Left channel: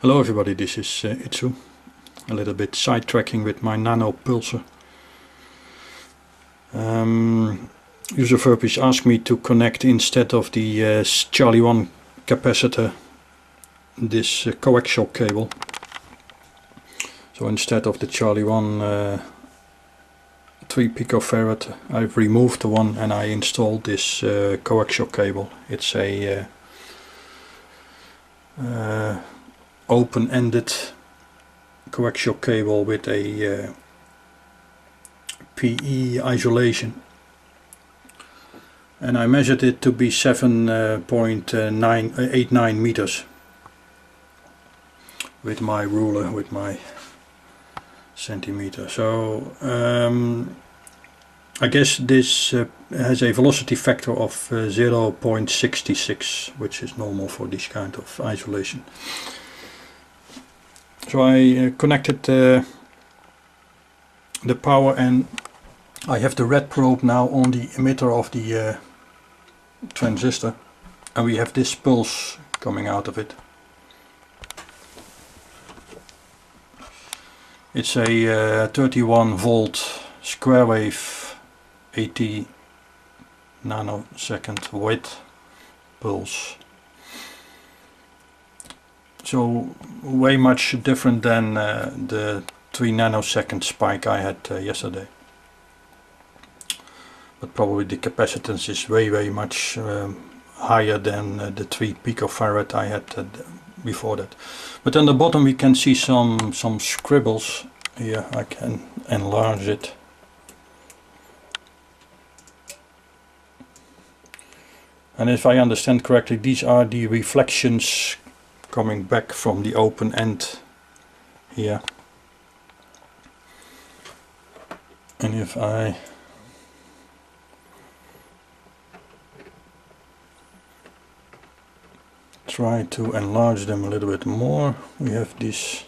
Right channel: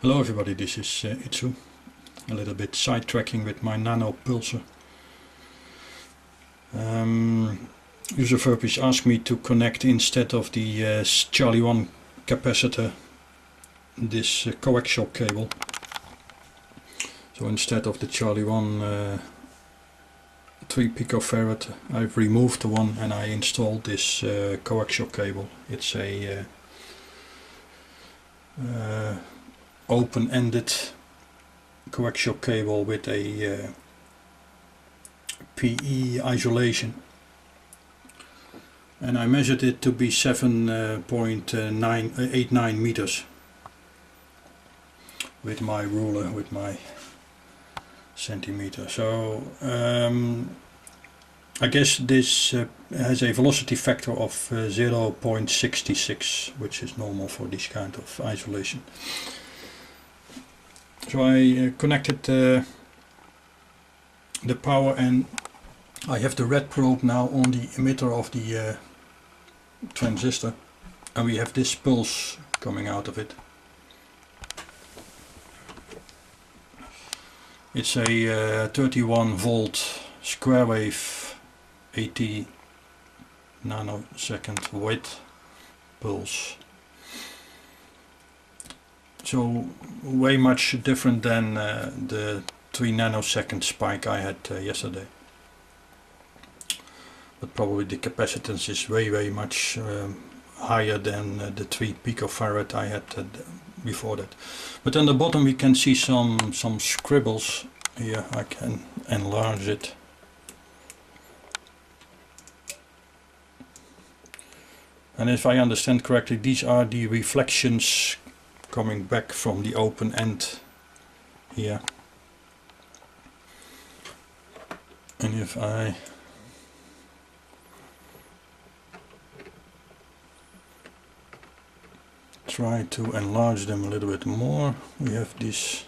Hello everybody, this is Itsu. A little bit sidetracking with my nano-pulser. User Verpies asked me to connect instead of the Charlie 1 capacitor this coaxial cable. So instead of the Charlie 1 3 picofarad, I've removed the one and I installed this coaxial cable. It's a open-ended coaxial cable with a PE isolation, and I measured it to be 7.89 meters with my ruler, with my centimeter. So I guess this has a velocity factor of 0.66, which is normal for this kind of isolation. So I connected the power, and I have the red probe now on the emitter of the transistor, and we have this pulse coming out of it. It's a 31 volt square wave 80 nanosecond width pulse. So way much different than the 3 nanosecond spike I had yesterday. But probably the capacitance is way much higher than the 3 picofarad I had before that. But on the bottom we can see some scribbles. Here I can enlarge it. And if I understand correctly, these are the reflections coming back from the open end here. And if I try to enlarge them a little bit more, we have these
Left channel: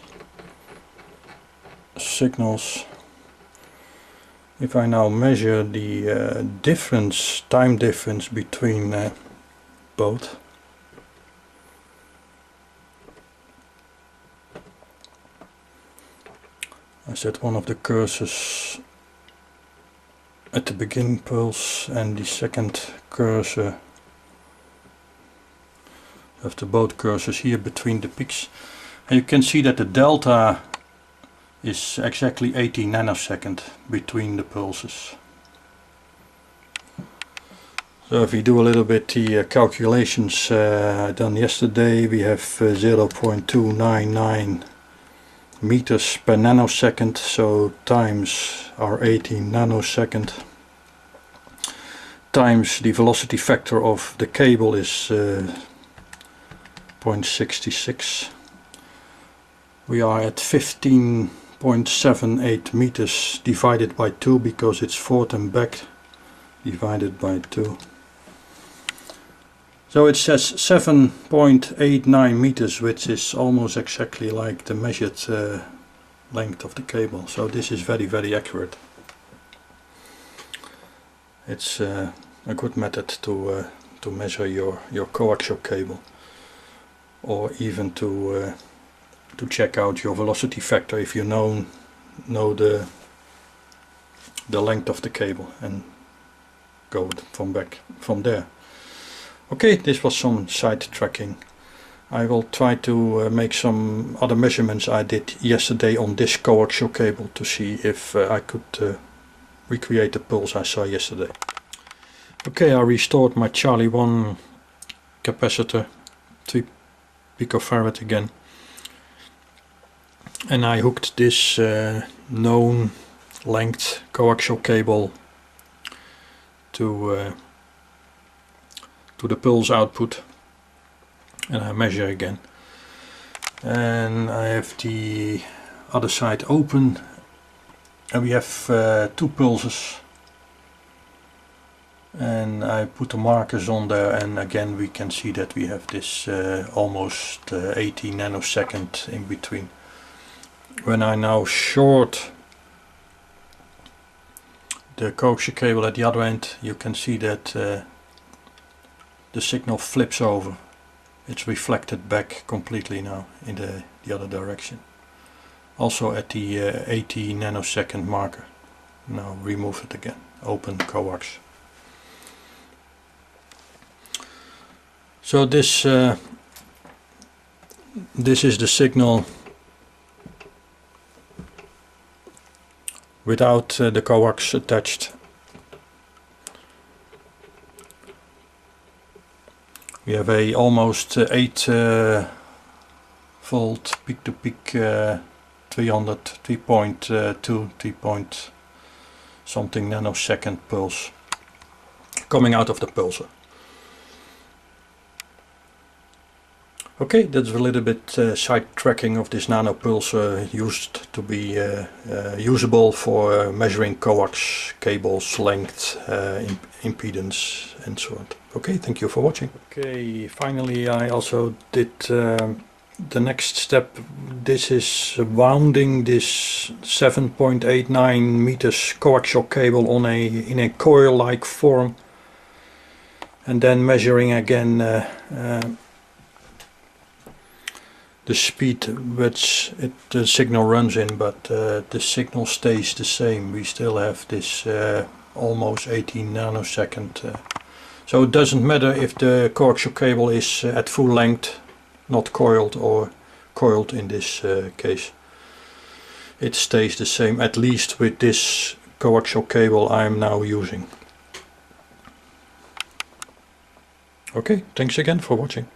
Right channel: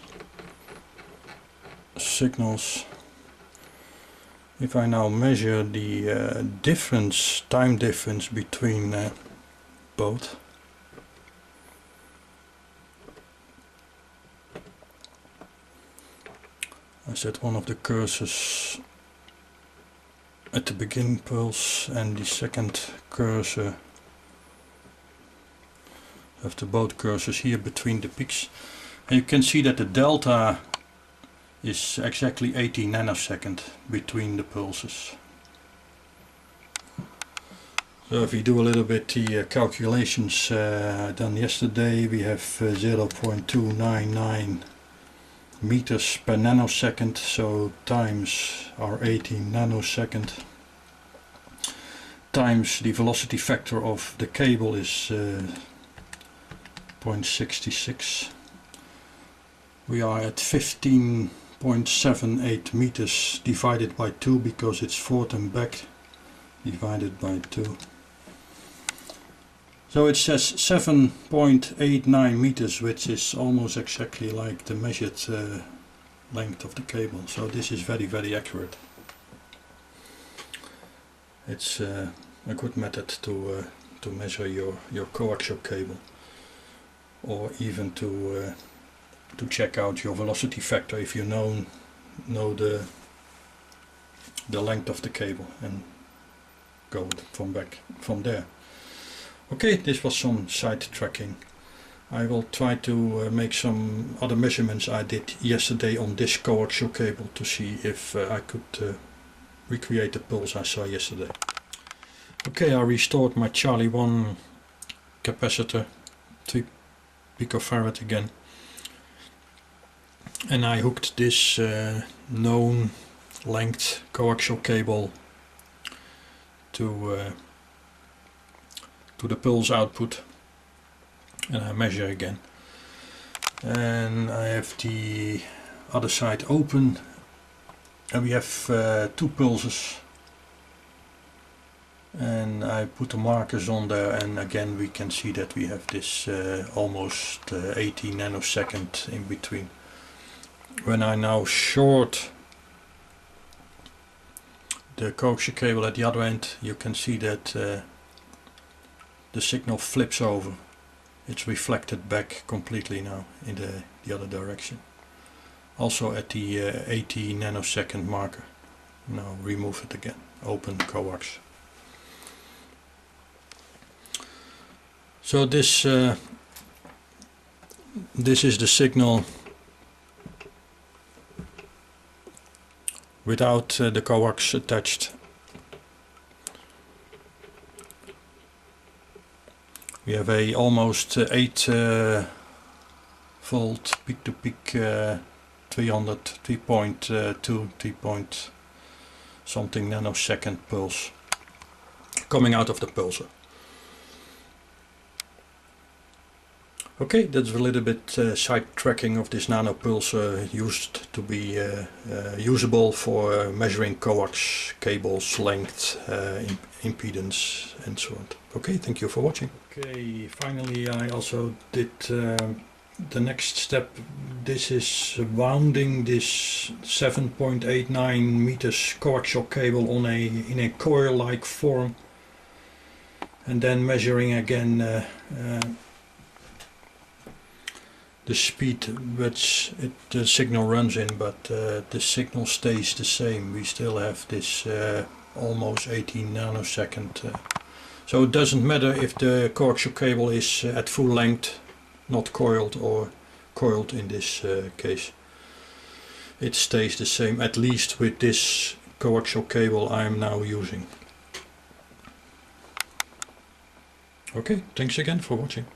signals. If I now measure the time difference between both, I set one of the cursors at the beginning pulse and the second cursor, after both cursors here between the peaks, and you can see that the delta is exactly 80 nanosecond between the pulses. So if we do a little bit the calculations done yesterday, we have 0.299 meters per nanosecond, so times our 18 nanosecond times the velocity factor of the cable is 0.66. We are at 15.78 meters divided by 2, because it's forth and back divided by 2. So it says 7.89 meters, which is almost exactly like the measured length of the cable. So this is very accurate. It's a good method to measure your coaxial cable, or even to check out your velocity factor if you know the length of the cable, and go from there. Okay, this was some side tracking. I will try to make some other measurements I did yesterday on this coaxial cable to see if I could recreate the pulse I saw yesterday. Okay, I restored my Charlie 1 capacitor, 3 picofarad again, and I hooked this known length coaxial cable to the pulse output, and I measure again. And I have the other side open, and we have 2 pulses, and I put the markers on there, and again we can see that we have this almost 80 nanosecond in between. When I now short the coaxial cable at the other end, you can see that the signal flips over it's reflected back completely now in the other direction. Also at the 80 nanosecond marker. Now remove it again, open coax. So this is the signal without the coax attached. We have a almost 8 volt peak to peak 3.2 something nanosecond pulse coming out of the pulser. Okay, that's a little bit sidetracking of this nano-pulser. Used to be usable for measuring coax cables length, impedance and so on. Okay, thank you for watching. Okay, finally I also did the next step. This is wounding this 7.89 meters coaxial cable on in a coil-like form, and then measuring again the speed which the signal runs in, but the signal stays the same. We still have this almost 18 nanosecond. So it doesn't matter if the coaxial cable is at full length, not coiled, or coiled in this case. It stays the same, at least with this coaxial cable I am now using. Okay, thanks again for watching.